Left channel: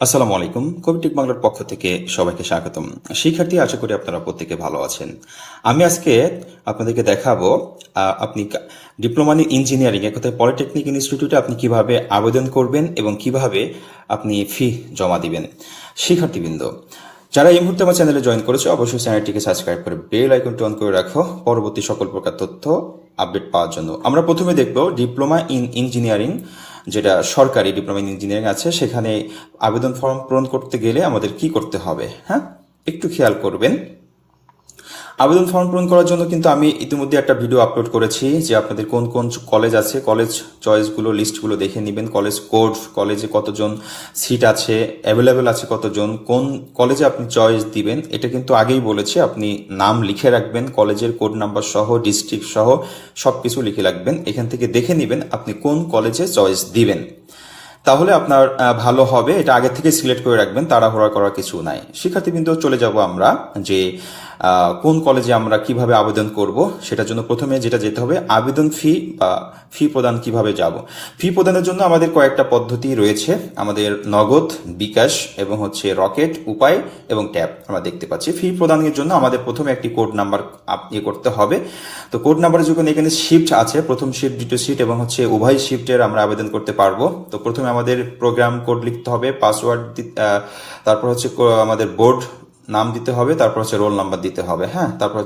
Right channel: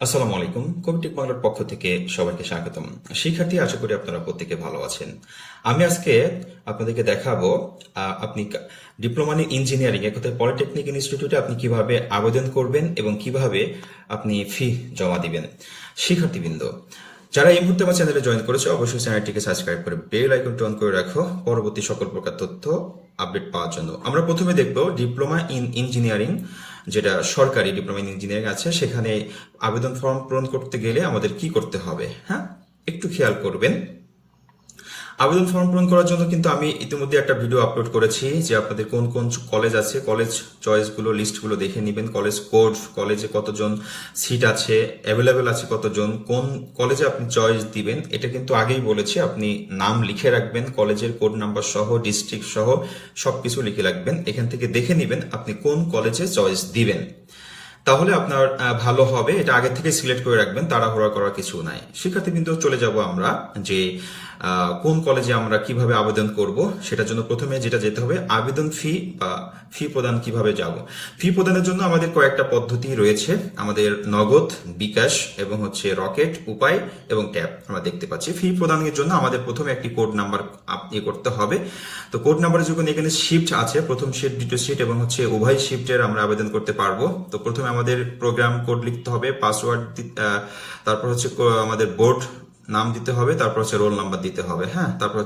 আসসালামু আলাইকুম। কবিটেক বাংলার পক্ষ থেকে সবাইকে স্বাগতম। শিক্ষার্থী, আশা করি আপনারা প্রত্যেকে ভালো আছেন। আমি আজকে আপনাদেরকে দেখাবো আপনি ডিপ্লোমা ইন ইঞ্জিনিয়ারিং এক কথায় পলিটেকনিক ইনস্টিটিউটে আপনি কিভাবে আবেদন করবেন এবং কিভাবে আপনি ফি জমা দিবেন। শিক্ষার্থীবৃন্দ, যারা এই মুহূর্তে আমার চ্যানেলে জয়েন করেছে অবশ্যই চ্যানেলটিকে সাবস্ক্রাইব করে বেল আইকনটি অন করে রাখো পরবর্তী সকল প্রকার তথ্য আপডেট পাওয়ার জন্য। আমরা প্রথমে দেখব ডিপ্লোমা ইন ইঞ্জিনিয়ারিং, যেটা সরকারি ডিপ্লোমা ইন ইঞ্জিনিয়ারিং আছে, সেখানে আবেদন ফর্ম পূরণ করতে গেলে আমাদের কি করতে হবে। হ্যাঁ, একটু খেয়াল করবেন। আবেদন ফর্ম পূরণ করার জন্য কিন্তু আমি ইতিমধ্যে একটা ভিডিও আপলোড করেছি যে আপনাদের কোন কোন কলেজ আছে, কলেজ চয়েসগুলো লিস্টগুলো দেখে নেবেন, কলেজ কোড, কলেজে কতজন সিট আছে, অ্যাভেলেবেল আছে কতজন, কোন কলেজে আপনি চয়েস দিবেন এটা কিন্তু আগেই বলেছি। আপনি নাম লিখে রাখবেন, কলেজের কোড নাম্বার সহ, ডিস্ট্রিক্ট সহ সবকিছু লিখে রাখবেন। এখান থেকে দেখে নেবেন আপনি কোন কলেজে চয়েস দিবেন, তাহলে আপনার ভালো হবে। এটা আগে থেকে সিলেক্ট করে রাখবেন, তাড়াহুড়া করার কিছু নাই। শিক্ষার্থীবৃন্দ, চলে যাব আমরা যে কোন কলেজে আমরা কিভাবে আবেদন করব। সেটার জন্য প্রথমে যেটা যেতে হবে, আবেদন ফি বা ফি প্রদান কিভাবে যাব। ফি প্রদানের জন্য আমাদের কয়েকটা পদ্ধতি রয়েছে। আমাদের নগদ, বিকাশ এবং রকেট, উপায় এবং ট্যাব আমরা দেখতে পাচ্ছি। ফি প্রদানের জন্য আমাদের প্রথমে একটি কোড নাম্বার করতে হবে। তো কোড নাম্বারের যখন এখানে শিফট আছে, প্রথম শিফট, দ্বিতীয় শিফট এবং উভয় শিফটের আমরা আবেদন করতে পারবো। তো প্রথমে আমাদের প্রোগ্রাম কোড লিখতে হবে, পাসওয়ার্ড, তারপর আমাদের বোর্ড নাম দিতে হবে, তারপর রোল নাম্বার দিতে হবে। হ্যাঁ, তারপর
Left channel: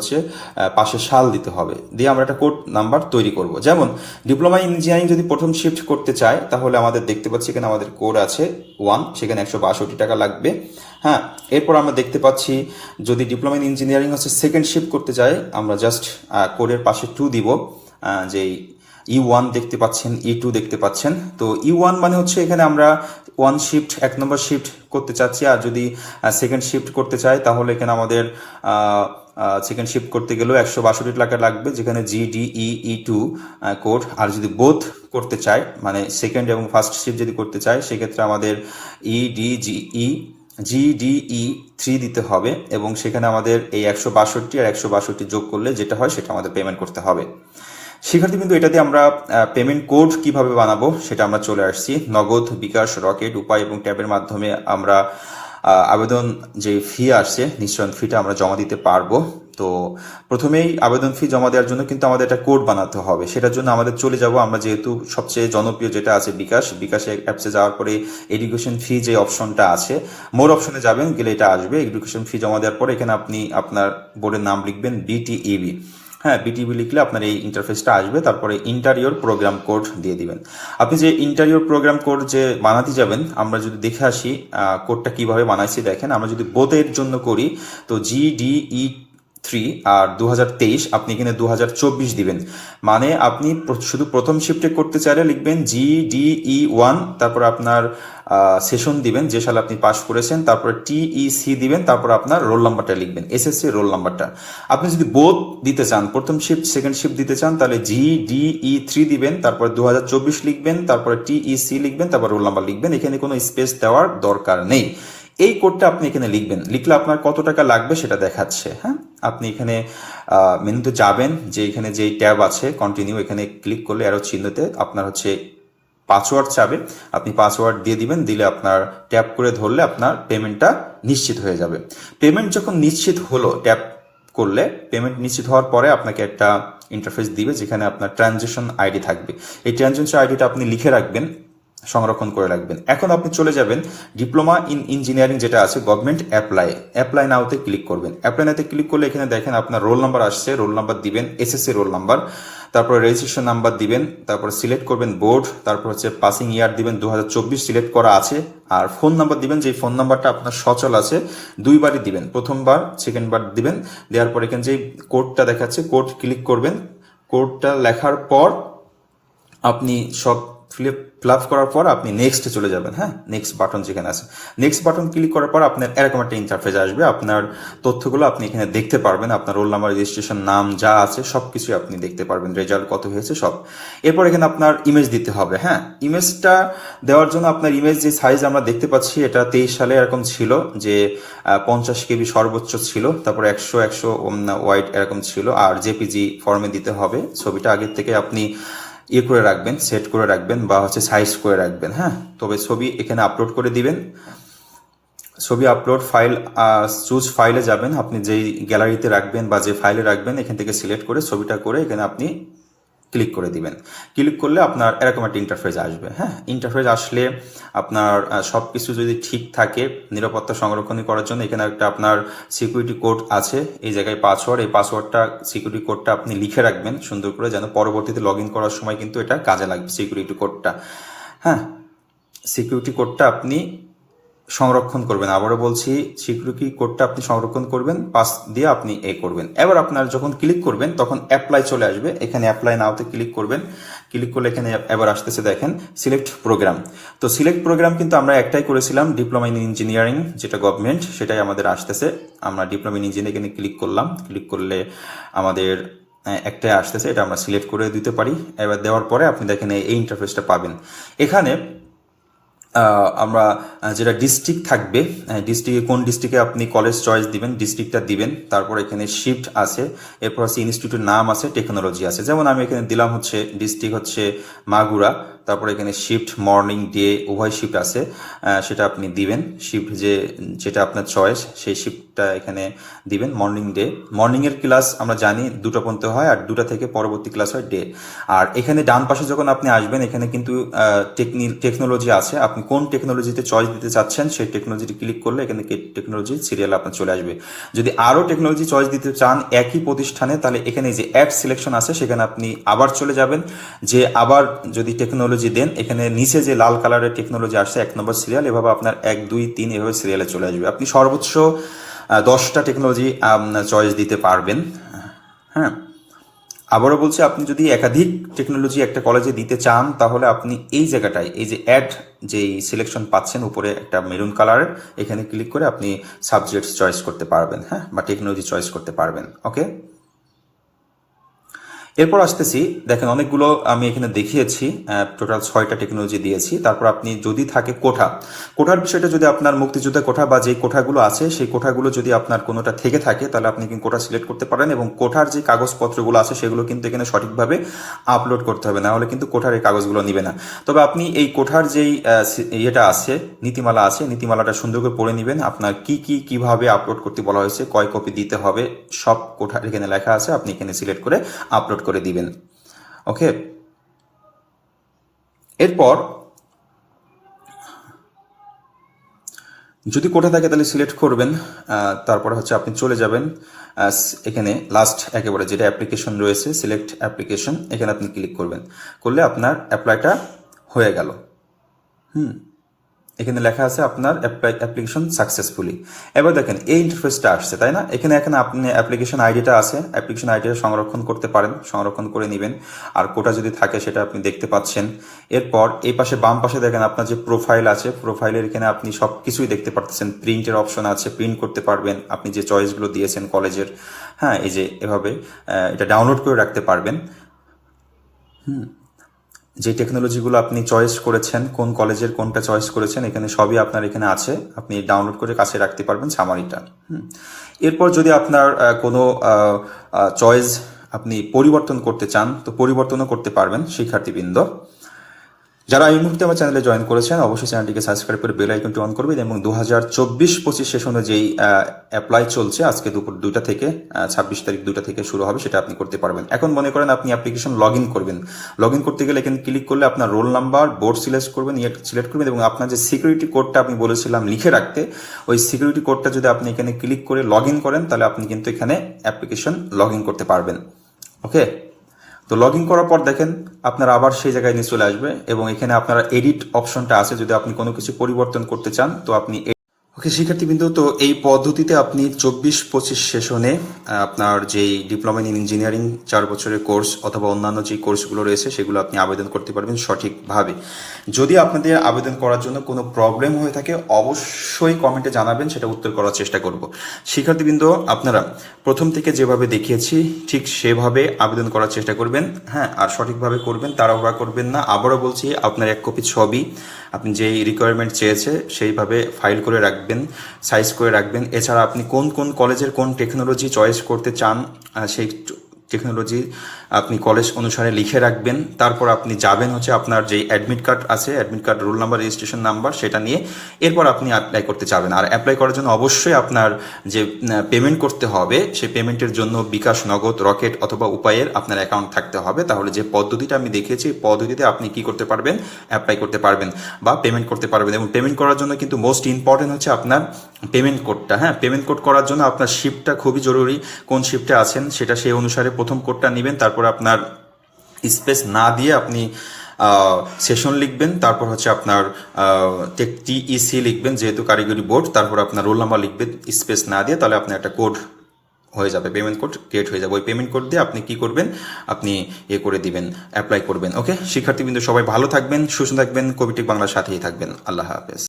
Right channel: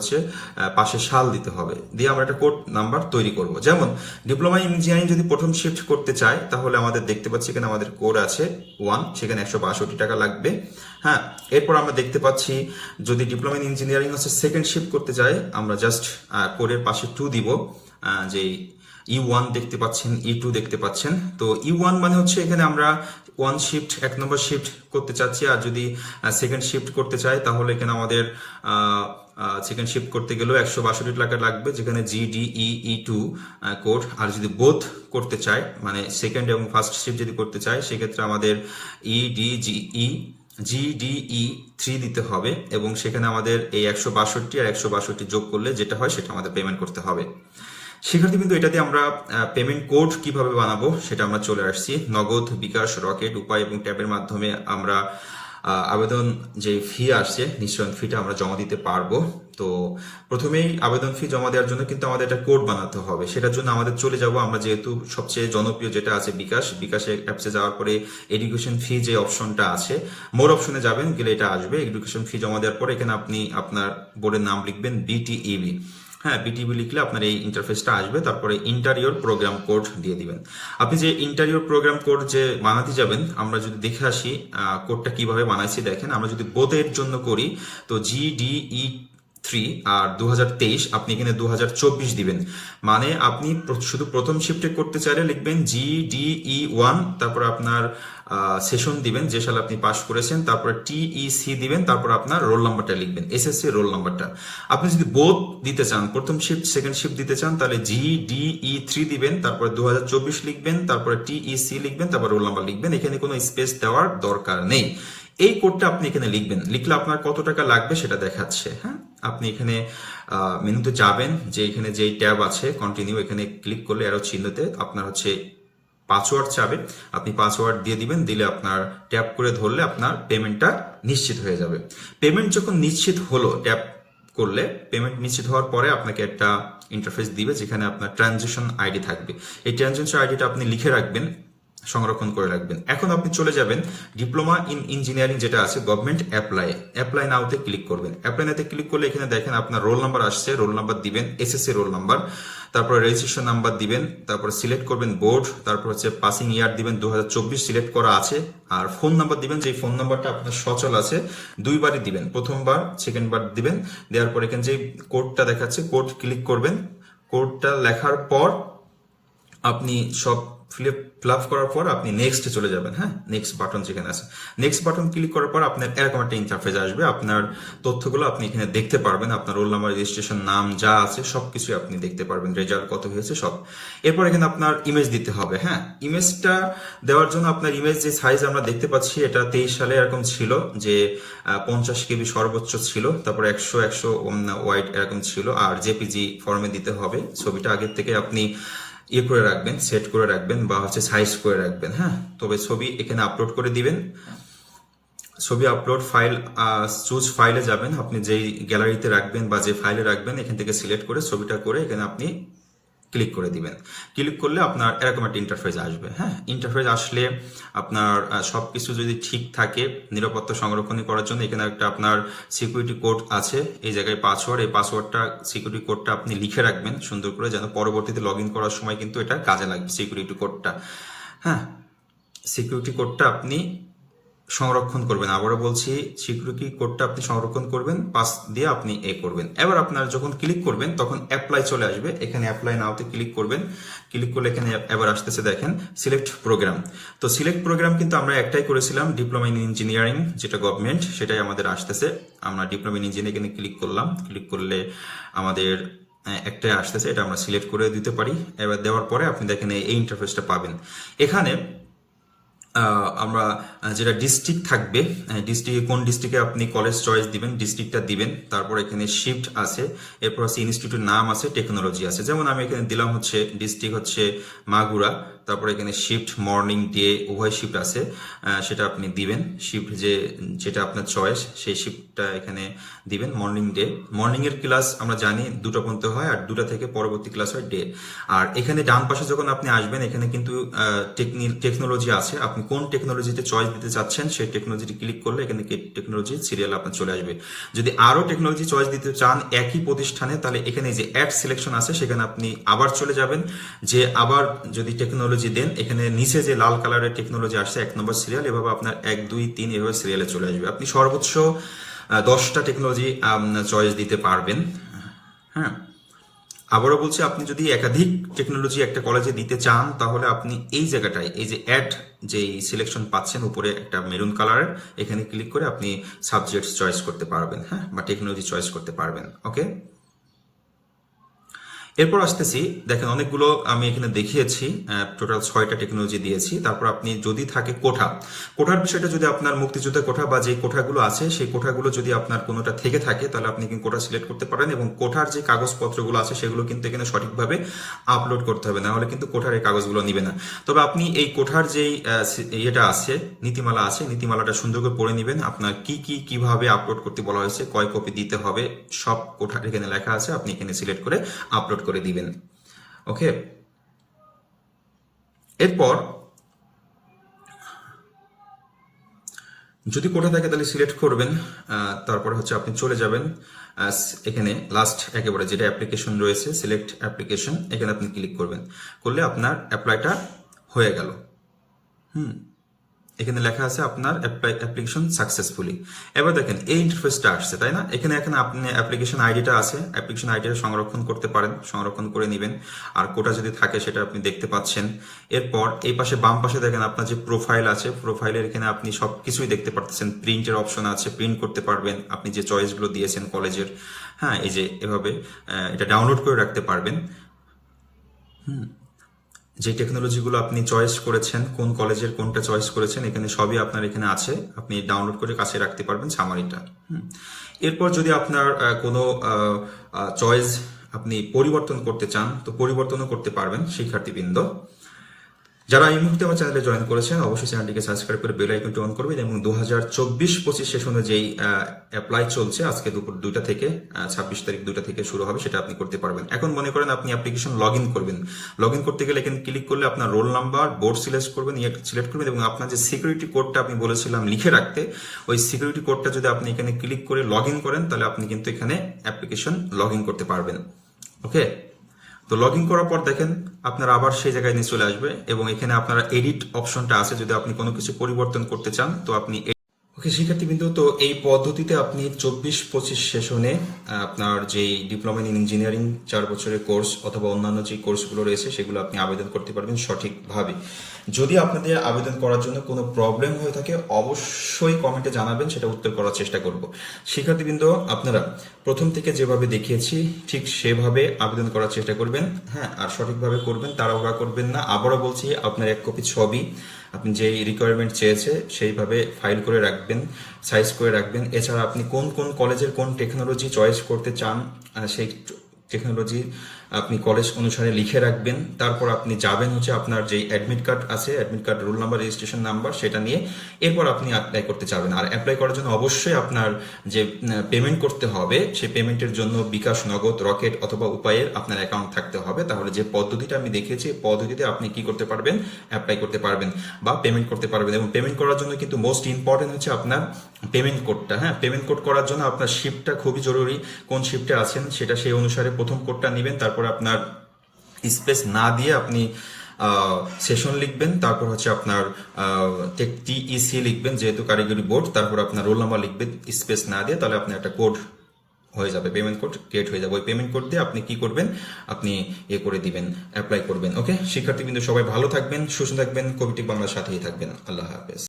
পাশে সাল দিতে হবে, দিয়ে আমরা একটা কোড নাম্বার তৈরি করব। যেমন ডিপ্লোমা ইন ইঞ্জিনিয়ারিং যদি প্রথম শিফট করতে চাই, তাহলে আমাদের দেখতে পাচ্ছি এখানে আমাদের কোড আছে 1, সেখানে 162 টাকা লাগবে। হ্যাঁ, এরপর আমরা দেখতে পাচ্ছি যদি diploma in engineering second shift করতে চাই, আমরা জাস্ট কোডের পাশে 2 দিব। যেই E1 দেখতে পাচ্ছেন, E2 দেখতে পাচ্ছেন। তো E1 মানে এখানে আমরা 1 শিফট, 1 নম্বর শিফট করতে চাচ্ছি। আর যদি সেকেন্ড শিফট করতে চাই, তাহলে এখানে আমাদের সেকেন্ড শিফট করতে গেলেও 162 টাকা লাগবে, যেখানে GDE E2 কোড। আর যদি বোথ করতে চাই, মানে সেকেন্ড এবং ফার্স্ট শিফট যদি করতে চাই, সেক্ষেত্রে আমাদের GDE3 দিতে হবে, এবং সেখানে আমাদের এই 162 আর 162 যোগ করলে যেটা হয় সেটা আমাদের পেমেন্ট করতে হবে। শিক্ষার্থী, কিন্তু এটাতে আমরা পেমেন্ট কোড কিভাবে বানাবো সেটা আমরা চলে আসছি। নগদ, বিকাশ, রকেট, উপায় এবং ট্যাবের মাধ্যমে আমরা আবেদন যে ফি আসছে, নিশ্চয়ন ফিটা আমরা জমা দিতে পারবো। তো প্রথমেই আবেদন ফি জমা দেওয়ার জন্য কিন্তু আমাদের একটা কোড বানাতে হবে। সেটার জন্য আমাদের চলে যাব আমরা, যেহেতু সবচেয়ে জনপ্রিয় যেটা আছে বিকাশে অ্যাপসে যাওয়ার পরে এডুকেশন ফি যে অপশনটা আছে, মোর অপশনে যাবেন, গেলে এটা আসবে। এডুকেশন ফি জমা দেওয়ার পরে এখানে আপনি আপনার বোর্ডের নাম লিখবেন BTEB। হ্যাঁ, BTEB লিখলে আপনার এই ইন্টারফেসটা আসবে। তারপরে ইন্টারিয়র প্রোগ্রাম কোড দিয়ে দিবেন। আপনি যে ইন্টারিয়র প্রোগ্রাম কোড যে বানাতে যাবেন, আমরা যদি দেখে আসি কোডটা কিভাবে বানাইছি। দেখেন, আমরা যদি বোথের জন্য করি, তো GDE3 আর 2023, আপনি এখানে 2024 দিবেন। মানে আপনি শুধু প্রথম শিফটে করতে চাইলে লিখবেন GDE1, তারপর আপনার সেশন দিবেন যে সালে আপনি পাস করেছেন, তারপরে TEC দিবেন, তারপর আপনার রোল নাম্বারটা লিখবেন, SSC রোল নাম্বারটা। আপনি যদি বোথ দিতে চান, প্রথম শিফট সেকেন্ড শিফট দিতে চান, তাহলে GDE3 দিবেন, তারপরে 2024 লিখবেন, তারপরে TEC লিখবেন, তারপর রোল নাম্বার লিখবেন। এখানে কোনো স্পেস দেওয়ার দরকার নেই। এই কোডটা আপনি এখানে লিখবেন, লিখলে আপনার কত টাকা লাগবে সেটা দেখাচ্ছে। হ্যাঁ, আপনি এখানে মেনুতে যাবেন, যে এখানে যে ট্যাব আছে কন্টিনিউ, এখানে ক্লিক করলে আরো চিহ্নতে আপনার পাসওয়ার্ড চাবে, আপনি পাসওয়ার্ড দিয়ে দিবেন। দিলে আপনার ট্যাপ করে ধরলে আপনার পেমেন্টটা নিশ্চিত হয়ে যাবে। পেমেন্ট যখন নিশ্চিত হলো, ট্যাপ করলে পেমেন্ট নিশ্চিত হওয়ার পরে আপনাকে একটা ইন্টারফেস দিবে, যেখানে আপনার ট্রানজেকশন আইডি থাকবে। এই ট্রানজেকশন আইডিটা আপনি লিখে রাখবেন, সংরক্ষণ করে রাখবেন। এখন আপনি চলে যাবেন ডিপ্লোমা ইন ইঞ্জিনিয়ারিং যেটা আছে, গভর্নমেন্ট অ্যাপ্লাই নাওতে ক্লিক করবেন। অ্যাপ্লাই নাওতে ক্লিক করলে এখানে দেখেন আপনার রোল নাম্বার আসছে, রোল নাম্বার দিবেন, SSC রোল নাম্বার, তারপরে রেজিস্ট্রেশন নাম্বার দিবেন, তারপরে সিলেক্ট করবেন বোর্ড, তারপর পাসিং ইয়ার দিবেন 2024 সিলেক্ট করা আছে, আর ফোন নাম্বার দিবেন, যে ফোন নাম্বারটা আপনার সচল আছে, দুইবারই দিবেন, প্রথমবার সেকেন্ড বার দিবেন। দেওয়ার পর এখানে যে কোডটা দেখাচ্ছে, কোড ক্লিক করবেন। কোডটা লেখার পর আপনি সব ফিল আপ করার পর আপনি নেক্সটে চলে যাবেন। হ্যাঁ, নেক্সট বাটন যেখানে আছে, নেক্সট বাটন ক্লিক করার পর আপনার এরকম একটা ইন্টারফেস আসবে। আপনার তথ্যগুলো আপনি এখানে দেখতে পারবেন, আপনার রোল নাম্বার, রেজিস্ট্রেশন, নাম যা আছে সবকিছু আপনি দেখতে পারবেন, রেজাল্ট কত হয়েছে সব। এরপর এখানে আপনার ইমেজ দিতে হবে। হ্যাঁ, ইমেজটা দেওয়ার জন্য আপনার ইমেজ যে সাইজ আমরা দেখতে পাচ্ছি, এটা 23 সালে এরকম ছিল যে 50 KB সর্বোচ্চ ছিল, তারপর 100 ওয়াইড এরকম ছিল। আর JPG ফর্মে দিতে হবে। ছবিটা আগের থেকে আপনি করে রাখবেন, সেট করে রাখবেন বা সাইজ করে রাখবেন। হ্যাঁ, তবে ছবি এখানে আপলোড করে দিবেন। ছবি আপলোড ফাইল, চুজ ফাইলে যাবেন, আপনি যেই গ্যালারিতে রাখবেন বা যে ফাইলে রাখবেন এখান থেকে সিলেক্ট করে ছবিটা করে এখানে আপনি ক্লিক করে দিবেন। ক্লিক করলে আপনার এরকম একটা ইন্টারফেস আসবে। হ্যাঁ, ইন্টারফেস আসলে আপনার সব কিছু যদি ঠিক থাকে, নিরাপত্তা সংরক্ষণ করার জন্য এখানে একটা আপনার সিকিউরিটি কোড আছে, এই জায়গায় পাসওয়ার্ড, এই পাসওয়ার্ডটা সিকিউরিটি কোডটা আপনি লিখে রাখবেন সুন্দর করে, যেন পরবর্তীতে লগ ইন করার সময় কিন্তু এটা কাজে লাগবে সিকিউরিটি কোডটা। হ্যাঁ, সিকিউরিটি কোডটা আপনি সংরক্ষণ করবেন। আবারও বলছি, সিকিউরিটি কোডটা আপনি সংরক্ষণ করবেন, পাস দিয়ে আপনি করবেন। এবার আপনার যখন ক্লিক করবেন তখন অ্যাপ্লাই চলে আসবে, এখানে অ্যাপ্লাই নাওতে ক্লিক করবেন। ক্লিক করলে এখানে এবার আসতেছে দেখেন সিলেক্ট প্রোগ্রাম। তো সিলেক্ট প্রোগ্রাম কিন্তু আমরা একটাই করেছিলাম, ডিপ্লোমা ইন ইঞ্জিনিয়ারিং, যেটা গভর্নমেন্ট, সেটাই আমাদের আসতেছে। আমরা ডিপ্লোমা ইন ইঞ্জিনিয়ারিং এখানে ক্লিক করলাম। ক্লিক করলে আমাদের একটাই আসতেছে, এটা আমরা সিলেক্ট করে দিতে পারি। এবার দেওয়ার পরে আপনি দেখেন এই ইন্টারফেসটা পাবেন। এখানে আমরা যেটা ডিস্ট্রিক্ট থাকবে, ডিস্ট্রিক্টে কোন ডিস্ট্রিক্টে আপনি কলেজ চয়েস দিবেন, ডিস্ট্রিক্টটা দিবেন। তারপর এখানে শিফট আছে, এরপর আছে ইনস্টিটিউটের নাম আছে, টেকনোলজি আছে। যেমন আমি এখানে দিলাম হচ্ছে ডিস্ট্রিক্ট হচ্ছে মাগুরা, তারপর এখানে শিফট মর্নিং ডে উভয় শিফট আছে, সেটা আপনি দিবেন। শিফট যেটা আপনার চয়েস সেই শিফটটা এখানে দিবেন। মর্নিং ডে, মর্নিং এর ক্লাস আমরা জানি 2টা পর্যন্ত হয়, আর 2টা থেকে পরবর্তী ক্লাস হয় ডে। আর এখানে ডান পাশে যখন আপনি আসবেন এখানে কিন্তু টেকনোলজি আছে, আপনি কোন টেকনোলজিতে চয়েস দিতে চাচ্ছেন সেই টেকনোলজিটি ক্লিক করলে এখানে টেকনোলজি সিরিয়াল আপনার চলে আসবে। যদি আরো টেকনোলজি চয়েস দিতে চান একই প্রতিষ্ঠানে, তাহলে এখানে যে অ্যাড সিলেকশন আছে সেখানে আপনি আবার চলে যাবেন। যে আবার যদি টেকনোলজি দেন, এখানে নিচে যে লাল কালারের টেকনোলজি আসছে 1 নম্বর সিরিয়াল, এভাবে আপনার 1 2 3 এভাবে সিরিয়ালে চলে আসবে। আপনি সর্বোচ্চ 10টা টেকনোলজি চয়েস দিতে পারবেন। হ্যাঁ, আবারও বলছি, আপনি যদি একাধিক টেকনোলজি একটা কলেজে দিতে চান তাহলে আপনি এই জায়গাটায় এই যে অ্যাড যেই সিলেকশন পাচ্ছেন উপরে একটা মেরুন কালারের, এখানে ক্লিক করে আপনি সাবজেক্ট চয়েস করতে পারবেন। হ্যাঁ, বা টেকনোলজি চয়েস করতে পারবেন। ওকে, এরপর আসতেছি, দেখেন অনেকগুলো আমি এখানে দেখিয়েছি, টোটাল 6টা টেকনোলজি দিয়েছি। তারপর আপনি যদি থাকে কোঠার বিষয়টা, যদি আপনার মুক্তিযোদ্ধা কোঠা বা যে কোঠাগুলো আছে সেই কোঠাগুলো যদি আপনার কোনোটা থেকে থাকে তাহলে আপনি কিন্তু কোঠা সিলেক্ট করতে পারেন, এবং কোঠার যে কাগজপত্রগুলো আছে সেগুলো কিন্তু এখানে সঠিকভাবে আপলোড করতে হবে, না হলে কিন্তু কোঠার এই কাগজগুলো নিবে না। তবে আপনি এই কোঠার যেই ইয়েটা আছে, নীতিমালা আছে, নীতিমালাটা সুন্দর করে পড়ে নেবেন। আপনার কিভাবে আপলোড করতে বলা হয়েছে, কয় কপি দিতে হবে, সব কোঠার এখানে লেখা আছে, আপনি এখানে সিলেক্ট করে আপলোড করে দিবেন। ওকে, এরপর যদি কোঠা থাকে তাহলে সিলেক্ট করবেন। তারপরে হচ্ছে আপনি চলে যাবেন এখানে লাস্ট একেবারে যেটা অ্যাপ্লিকেশন রয়েছে, সিলেক্ট অ্যাপ্লিকেশন, এখানে আপনি ক্লিক করবেন। করলে আপনার অ্যাপ্লাইটা হয়ে গেল। এখানে লেখা আছে আপনার অ্যাপ্লিকেশন সাকসেসফুলি। এবার দেখেন এই ইন্টারফেসটা আসছে, তাই না? এখানে আপনি অ্যাপ্লিকেশন আইডিটা আছে, অ্যাপ্লিকেশন আইডিটা সংরক্ষণ করতে পারেন, সংরক্ষণ করে নেবেন। আর কোটা যদি থাকে সেটা আপনি দেখতে পাচ্ছেন। এরপর এই পাশে বাম পাশে দেখেন আপনার যে প্রোফাইল আছে, প্রোফাইলের এখানে আপনি সব কিছুই দেখতে পাচ্ছেন। প্রিন্টের অপশন আছে, প্রিন্ট করতে পারবেন আপনি যে চয়েসগুলো দিয়েছেন কলেজের। হ্যাঁ, এই যে এভাবে এটা ডাউনলোড করে রাখতে পারবেন। যে টেকনোলজিগুলো আপনি চয়েস করেছেন, কোন কলেজের কোনটা চয়েস করেছেন, এখানে সবই আপনার এখানে আছে, আপনি ডাউনলোড করে কাছে রাখতে পারবেন সামারিটা। এরপর যদি আপনার কোনো চয়েস আপনি পরিবর্তন করতে চান তো পরিবর্তনও করতে পারবেন শিক্ষার্থীবৃন্দ। যারা এই মুহূর্তে আমার চ্যানেলে জয়েন করেছেন অবশ্যই চ্যানেলটিকে সাবস্ক্রাইব করে বেল আইকনটি অন করবেন, এবং 2024-25 সেশনে যেই অ্যাপ্লাই চলছে আজকে দুপুর 2টা থেকে 26 তারিখ 2টা থেকে শুরু হবে, সেটা আপনি করতে পারবেন। এখন মনে করেন আপনি অ্যাপ্লিকেশন লগ ইন করবেন, লগ ইন করতে গেলে এখানে ক্লিক করলে আপনার রোল নাম্বার, বোর্ড সিলেক্ট করবেন, সিলেক্ট করবেন, এবং আপনার যে সিকিউরিটি কোডটা আমি বলেছিলাম লিখে রাখতে, ওই সিকিউরিটি কোডটা যদি আপনি এখানে ক্লিক করে লগ ইন করেন তাহলে আপনি কিন্তু এখানে অ্যাপ্লিকেশন লগ ইন করতে পারবেন। ওকে, তো লগ ইন করার পর দেখেন আপনার আবার সেই জায়গায় নিয়ে চলে আসবে, এবং এখানে আপনারা এডিট অপশনটা আছে, যদি আপনি কোনো কিছু পরিবর্তন করতে চান তো আপনি। ওকে শিক্ষার্থীবৃন্দ, তো এই পদ্ধতিতে আপনি 24-25 সেশনে আপনার যেই ডিপ্লোমা ইন ইঞ্জিনিয়ারিং 4 বছরের কোর্স অথবা অন্যান্য যে কোর্সগুলো রয়েছে সেগুলো আপনি আবেদন করতে পারবেন সঠিকভাবে। যদি আপনাদের আবেদন করার জন্য কোনো প্রবলেম হয়ে থাকে অবশ্যই কমেন্টে জানাবেন, সেটা উত্তর করার চেষ্টা করব। শিক্ষার্থীবৃন্দ, আপনারা প্রথম থেকে যেভাবে দেখিয়েছি ঠিক সেভাবে আবেদন করার চেষ্টা করবেন। হ্যাঁ, আর সঠিকভাবে করবেন, তাড়াহুড়া করবেন না। আবারও বলছি, আপনার 1 কপি ছবি আপনি যেই রিকোয়ারমেন্ট চেয়েছে সেইভাবে ফাইল করে রাখবেন, সাইজ করে রাখবেন। এছাড়া আপনি কোন কোন কলেজের কোন টেকনোলজি চয়েস করতে চান সেই টেকনোলজি আপনি কলেজ অনুসারে লিখে রাখবেন। তারপর আপনি যাবেন হচ্ছে আপনার যে অ্যাডমিট কার্ড আছে, admit card roll number registration number সেটা নিয়ে এরপর আপনি অ্যাপ্লাই করতে যাবেন। আর অ্যাপ্লাই করার জন্য অবশ্যই আপনার যে পেমেন্ট করতে হবে সেই পেমেন্টের জন্য বিকাশ, নগদ, রকেট অথবা উপায়ের আপনার অ্যাকাউন্ট থাকতে হবে। তাহলে যে পদ্ধতিটা আমি দেখিয়েছি এই পদ্ধতিতে আপনি কি করতে পারবেন, অ্যাপ্লাই করতে পারবেন বা পেমেন্ট করতে পারবেন। এবং পেমেন্ট করার জন্য কিন্তু মোস্ট ইম্পর্টেন্ট হচ্ছে আপনার পেমেন্ট কোডটা। হ্যাঁ, পেমেন্ট কোড করার জন্য আপনার শিফটটা খুবই জরুরি। কোন শিফটে আছেন সেটা সেই অনুসারে প্রথম কোডটা নেবেন, তারপর আপনার স্পেস না দিয়ে আপনি সেশন লিখবেন, তারপর হচ্ছে আপনার টিইসি লিখবেন যেহেতু কারিগরি বোর্ড, তারপর আপনার রোল নাম্বার লিখবেন স্পেস না দিয়ে, তাহলে আপনার একটা কোড হয়ে যাবে, পেমেন্ট কোড ক্রিয়েট হয়ে যাবে। ওই পেমেন্ট কোড দিয়ে আপনি কি করবেন, আপনি করে দিবেন, অ্যাপ্লাই করবেন। ওকে শিক্ষার্থীবৃন্দ, সবাই ভালো থাকবেন, সুস্থ থাকবেন, কবিটেক বাংলার সাথেই থাকবেন। আল্লাহ হাফেজ।